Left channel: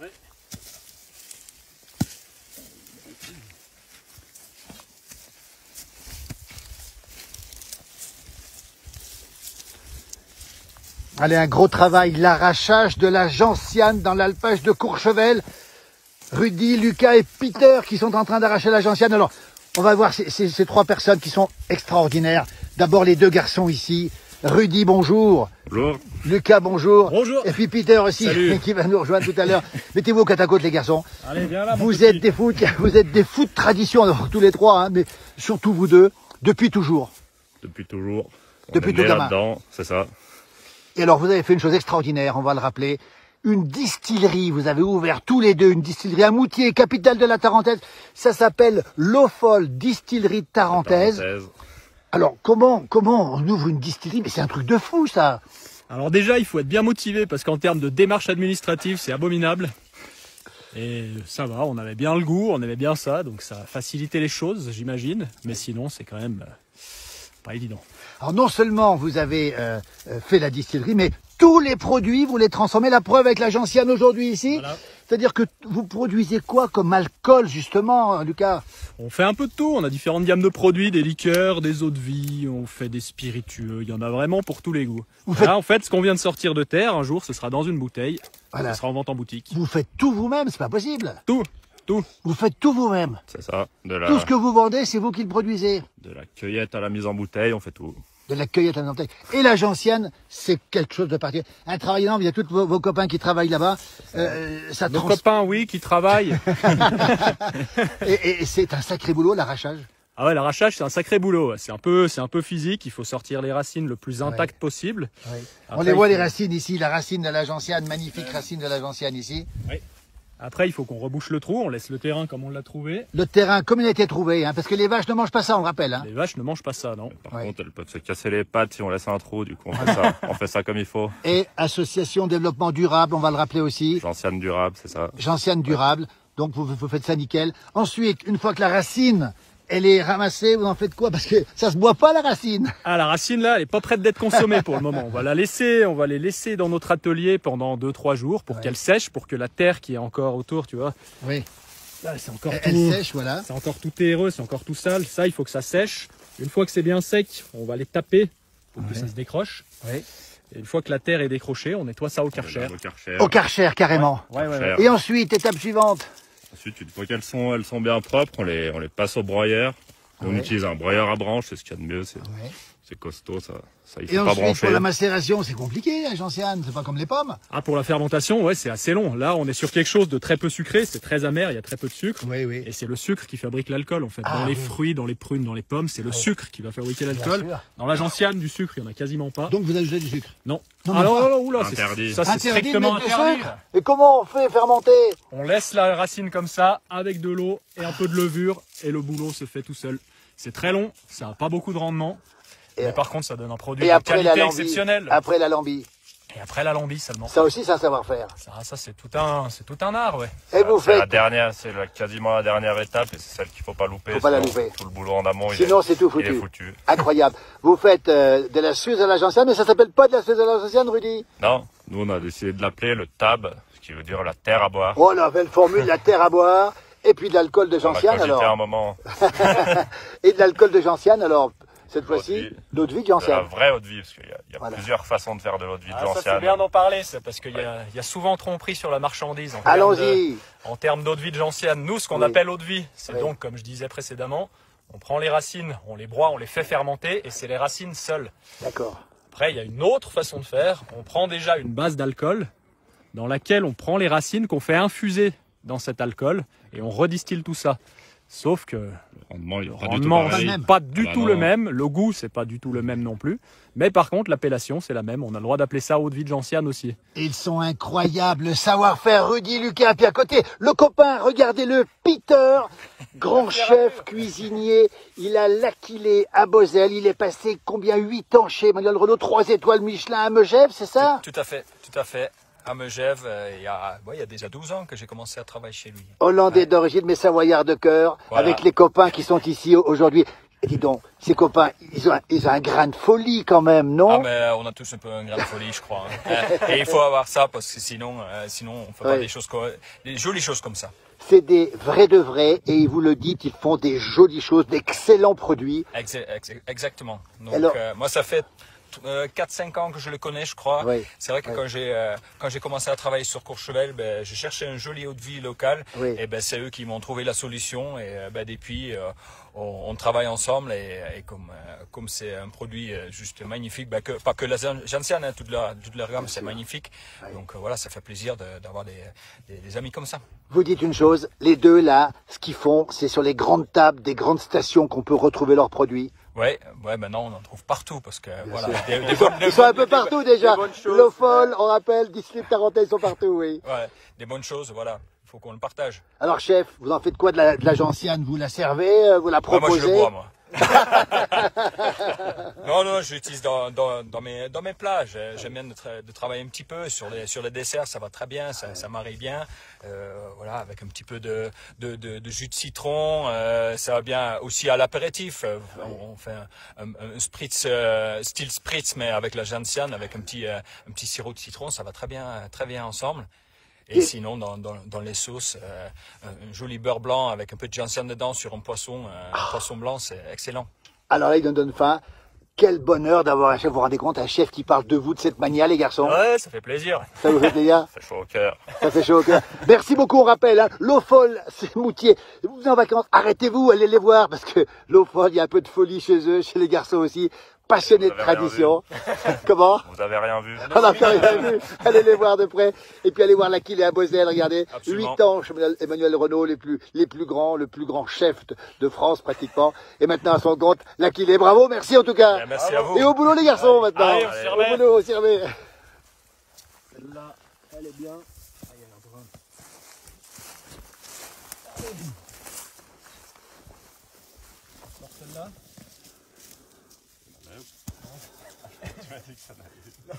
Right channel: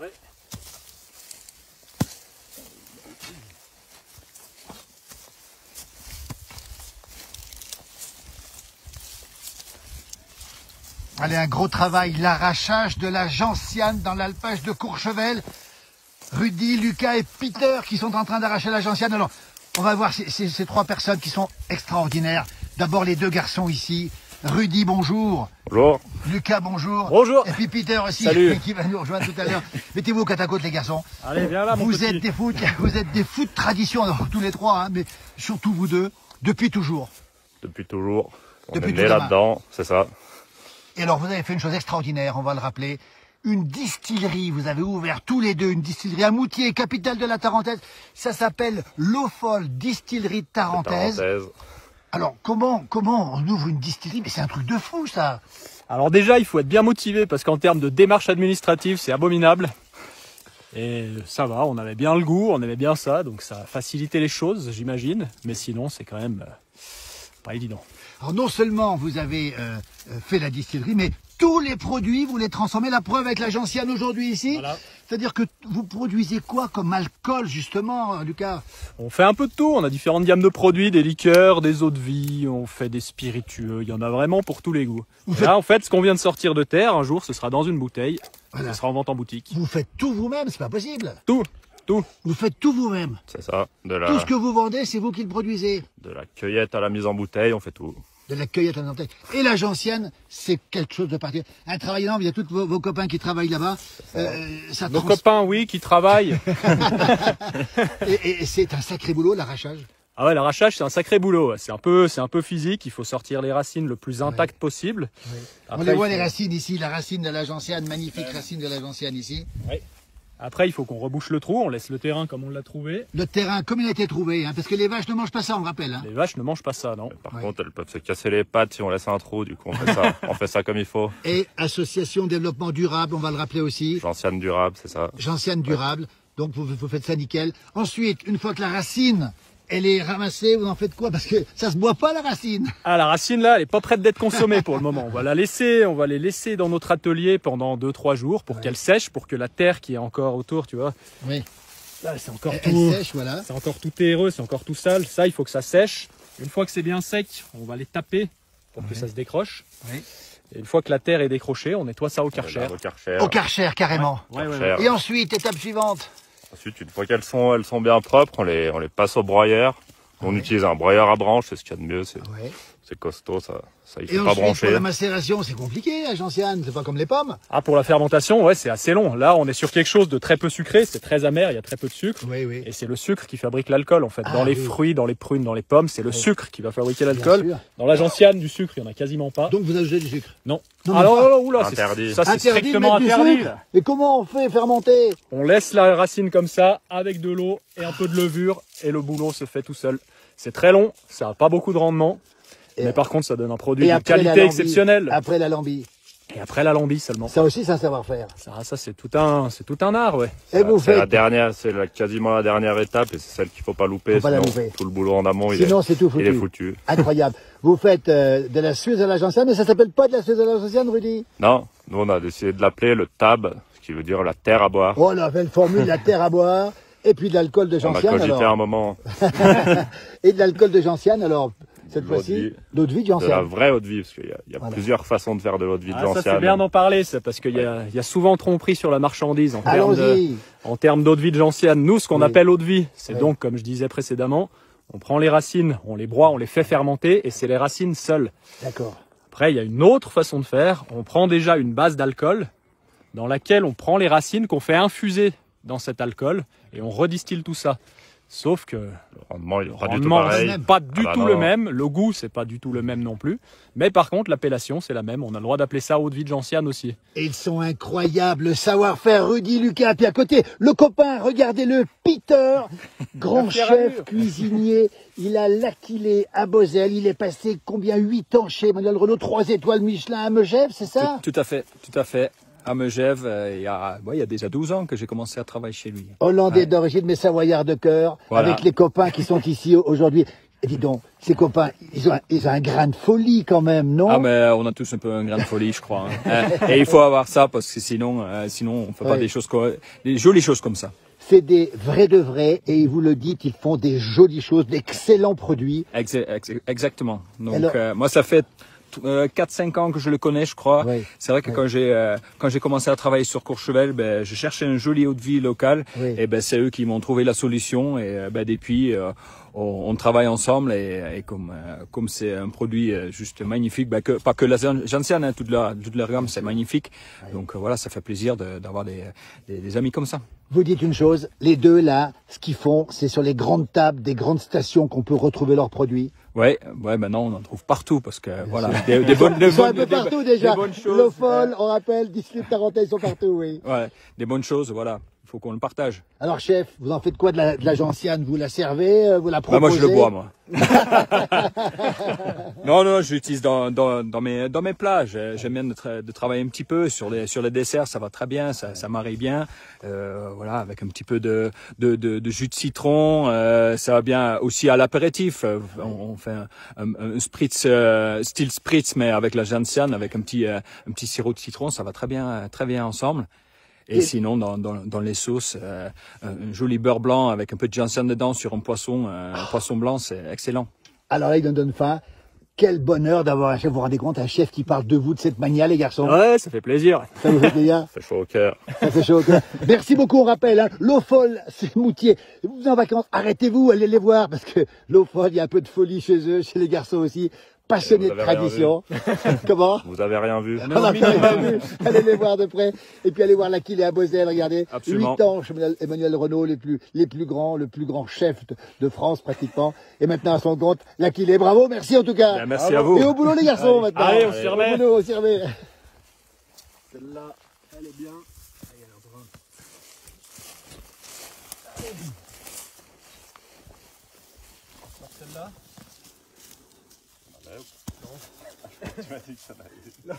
Ouais. Allez, un gros travail, l'arrachage de la gentiane dans l'alpage de Courchevel. Rudy, Lucas et Peter qui sont en train d'arracher la gentiane. Alors, on va voir ces trois personnes qui sont extraordinaires. D'abord les deux garçons ici. Rudy, bonjour. Bonjour. Lucas, bonjour. Bonjour. Et puis Peter aussi, Salut. qui va nous rejoindre tout à l'heure. Mettez-vous côte à côte les garçons. Allez, viens là, mon Vous petit. êtes des fous de tradition, alors, tous les trois, hein, mais surtout vous deux, depuis toujours. Depuis toujours. On Depuis est tout né gamin. là-dedans, c'est ça. Et alors, vous avez fait une chose extraordinaire, on va le rappeler. Une distillerie, vous avez ouvert tous les deux une distillerie à Moutier, capitale de la Tarentaise. Ça s'appelle l'Eau Folle Distillerie Tarentaise. Parenthèse. Alors, comment on ouvre une distillerie? Mais c'est un truc de fou, ça. Alors déjà, il faut être bien motivé parce qu'en termes de démarche administrative, c'est abominable. Et ça va, on avait bien le goût, on aimait bien ça, donc ça a facilité les choses, j'imagine. Mais sinon, c'est quand même pas évident. Alors, non seulement vous avez fait la distillerie, mais tous les produits, vous les transformez. La preuve avec la gentiane aujourd'hui ici. Voilà. C'est-à-dire que vous produisez quoi comme alcool, justement, Lucas? On fait un peu de tout, on a différentes gammes de produits, des liqueurs, des eaux de vie, on fait des spiritueux, il y en a vraiment pour tous les goûts. Vous Là, en fait, ce qu'on vient de sortir de terre, un jour, ce sera dans une bouteille, Voilà. ce sera en vente en boutique. Vous faites tout vous-même, c'est pas possible. Tout. Vous faites tout vous-même. C'est ça. Tout ce que vous vendez, c'est vous qui le produisez. De la cueillette à la mise en bouteille, on fait tout. De la cueillette à la bouteille. Et la gentiane, c'est quelque chose de particulier. Un travail énorme, il y a tous vos copains qui travaillent là-bas. Ça Nos copains, oui, qui travaillent. et c'est un sacré boulot, l'arrachage. Ah ouais, l'arrachage, c'est un sacré boulot. C'est un peu physique. Il faut sortir les racines le plus intactes possible. Oui. Après, On les voit il les faut- racines ici, la racine de la gentiane, magnifique racine de la gentiane ici. Après, il faut qu'on rebouche le trou. On laisse le terrain comme on l'a trouvé. Le terrain, comme il a été trouvé, hein, parce que les vaches ne mangent pas ça, on rappelle. Hein. Les vaches ne mangent pas ça, non. Par Ouais. contre, elles peuvent se casser les pattes si on laisse un trou, du coup on fait ça. On fait ça comme il faut. Et association développement durable, on va le rappeler aussi. Gentiane durable, c'est ça. Gentiane durable, donc vous faites ça nickel. Ensuite, une fois que la racine, elle est ramassée, vous en faites quoi? Parce que ça se boit pas la racine. Ah, la racine, là, elle est pas prête d'être consommée pour le moment. On va les laisser dans notre atelier pendant 2-3 jours pour qu'elle sèche, pour que la terre qui est encore autour, tu vois. Oui. Là, c'est encore Elle tout. sèche, voilà. C'est encore tout terreux, c'est encore tout sale. Ça, il faut que ça sèche. Une fois que c'est bien sec, on va les taper pour que ça se décroche. Oui. Et une fois que la terre est décrochée, on nettoie ça au karcher. Au karcher. Au karcher, carrément. Ouais, ouais, Karcher. Et ensuite, étape suivante. Ensuite, une fois qu'elles sont bien propres, on les passe au broyeur. On utilise un broyeur à branche, c'est ce qu'il y a de mieux. Oui. C'est costaud, ça il Et faut pas ensuite, pour brancher. la macération, c'est compliqué, la gentiane, c'est pas comme les pommes. Ah, pour la fermentation, ouais, c'est assez long. Là, on est sur quelque chose de très peu sucré, c'est très amer, il y a très peu de sucre. Oui, oui. Et c'est le sucre qui fabrique l'alcool, en fait. Ah, Dans les oui. fruits, dans les prunes, dans les pommes, c'est le sucre qui va fabriquer l'alcool. sûr. Dans la gentiane, du sucre, il y en a quasiment pas. Donc vous ajoutez du sucre. Non. Non, mais Alors, pas. oula, Interdit. ça c'est Interdit de strictement mettre du interdit. sucre. Mais comment on fait fermenter? On laisse la racine comme ça, avec de l'eau et un peu de levure, et le boulot se fait tout seul. C'est très long, ça n'a pas beaucoup de rendement, mais par contre ça donne un produit Et d'une après la qualité lambie. exceptionnelle. Après la lambie. Et après la lambie seulement. Ça aussi, c'est un savoir-faire. Ça c'est tout un art, ouais. Et vous C'est la faites. dernière, quasiment la dernière étape et c'est celle qu'il faut pas louper, Faut pas la sinon louper. tout le boulot en amont Sinon, c'est tout foutu. il est foutu. Incroyable. Vous faites de la suze à la gentiane, mais ça s'appelle pas de la suze à la gentiane, Rudy? Non, nous on a décidé de l'appeler le tab, ce qui veut dire la terre à boire. Oh, la belle formule, la terre à boire, et puis de l'alcool de On a gentiane. cogité alors. un moment Et de l'alcool de gentiane, alors, cette l'eau de fois-ci, vie. d'eau de vie de de la gentiane. vraie eau de vie, parce qu'il y a Voilà. plusieurs façons de faire de l'eau de vie de Ah, ça c'est gentiane. bien d'en parler, ça, parce qu'il y a souvent tromperie sur la marchandise Allons-y. en termes d'eau de vie de gentiane. Nous, ce qu'on Oui. appelle eau de vie, c'est Oui. donc, comme je disais précédemment, on prend les racines, on les broie, on les fait fermenter, et c'est les racines seules. D'accord. Après, il y a une autre façon de faire. On prend déjà une base d'alcool dans laquelle on prend les racines qu'on fait infuser dans cet alcool et on redistille tout ça. Sauf que Le rendement, il est le pas du tout rendement, pareil. c'est pas du Ah bah tout non. le même. Le goût, c'est pas du tout le même non plus. Mais par contre, l'appellation, c'est la même. On a le droit d'appeler ça eau de vie de gentiane aussi. Et ils sont incroyables, le savoir-faire, Rudy, Lucas, puis à côté, le copain, regardez-le, Peter, grand La pierre à chef vue. cuisinier, il a l'Aquilée à Bozelle, il est passé combien 8 ans chez Emmanuel Renault, 3 étoiles Michelin à Megève, c'est ça? Tout à fait, tout à fait. À Megève, il y a déjà 12 ans que j'ai commencé à travailler chez lui. Hollandais Ouais. d'origine, mais savoyard de cœur, Voilà. avec les copains qui sont ici aujourd'hui. Et dis donc, ces copains, ils ont un grain de folie quand même, non? Ah, mais on a tous un peu un grain de folie, je crois. Hein. Et il faut avoir ça parce que sinon on fait pas des jolies choses comme ça. C'est des vrais de vrais et vous le dites, ils font des jolies choses, d'excellents produits. Exactement. Donc Alors, moi ça fait 4-5 ans que je le connais, je crois. Oui. C'est vrai que quand j'ai commencé à travailler sur Courchevel, ben je cherchais un joli eau de vie local, Oui. et ben c'est eux qui m'ont trouvé la solution, et ben depuis on travaille ensemble, et comme c'est un produit juste magnifique, ben pas que la gentiane, hein, toute leur gamme c'est magnifique. Oui. Donc voilà, ça fait plaisir d'avoir des amis comme ça. Vous dites une chose, les deux là, ce qu'ils font, c'est sur les grandes tables des grandes stations qu'on peut retrouver leurs produits. Ouais, maintenant on en trouve partout parce que voilà, Ils sont un peu partout déjà. L'eau folle, on rappelle, District Tarentaise sont partout, oui. Ouais, des bonnes choses, voilà. Il faut qu'on le partage. Alors chef, vous en faites quoi de la gentiane? Vous la servez, vous la proposez? Bah moi je le bois, moi. Non, je l'utilise dans mes plats. J'aime bien de travailler un petit peu sur les desserts, ça va très bien, ça marie bien. Voilà, avec un petit peu de jus de citron, ça va bien aussi à l'apéritif. On fait un spritz, style spritz, mais avec la gentiane, avec un petit sirop de citron, ça va très bien ensemble. Et sinon, dans les sauces, un joli beurre blanc avec un peu de gentiane dedans sur un poisson blanc, c'est excellent. Alors là, il me donne faim. Quel bonheur d'avoir un chef, vous vous rendez compte, un chef qui parle de vous de cette manière, les garçons. Ouais, ça fait plaisir. Ça vous fait plaisir? Ça fait chaud au cœur. Ça fait chaud au cœur. Merci beaucoup, on rappelle, hein, l'eau folle, c'est Moutier. Vous êtes en vacances, arrêtez-vous, allez les voir, parce que l'eau folle, il y a un peu de folie chez eux, chez les garçons aussi. Passionnés de tradition. Comment? Vous avez rien vu. On a pas vu. Allez les voir de près. Et puis allez voir l'Aquilée à Beauzelle, regardez. Absolument. 8 ans, chez Emmanuel Renault, les plus grands, le plus grand chef de France pratiquement. Et maintenant à son compte, l'Aquilée. Bravo, merci en tout cas. Ben, merci à vous. Et au boulot les garçons maintenant. Allez, on s'y remet. Au boulot, on s'y remet. Celle-là, elle est bien. Allez, alors, brun. On sort celle-là. Tu m'as dit que ça allait.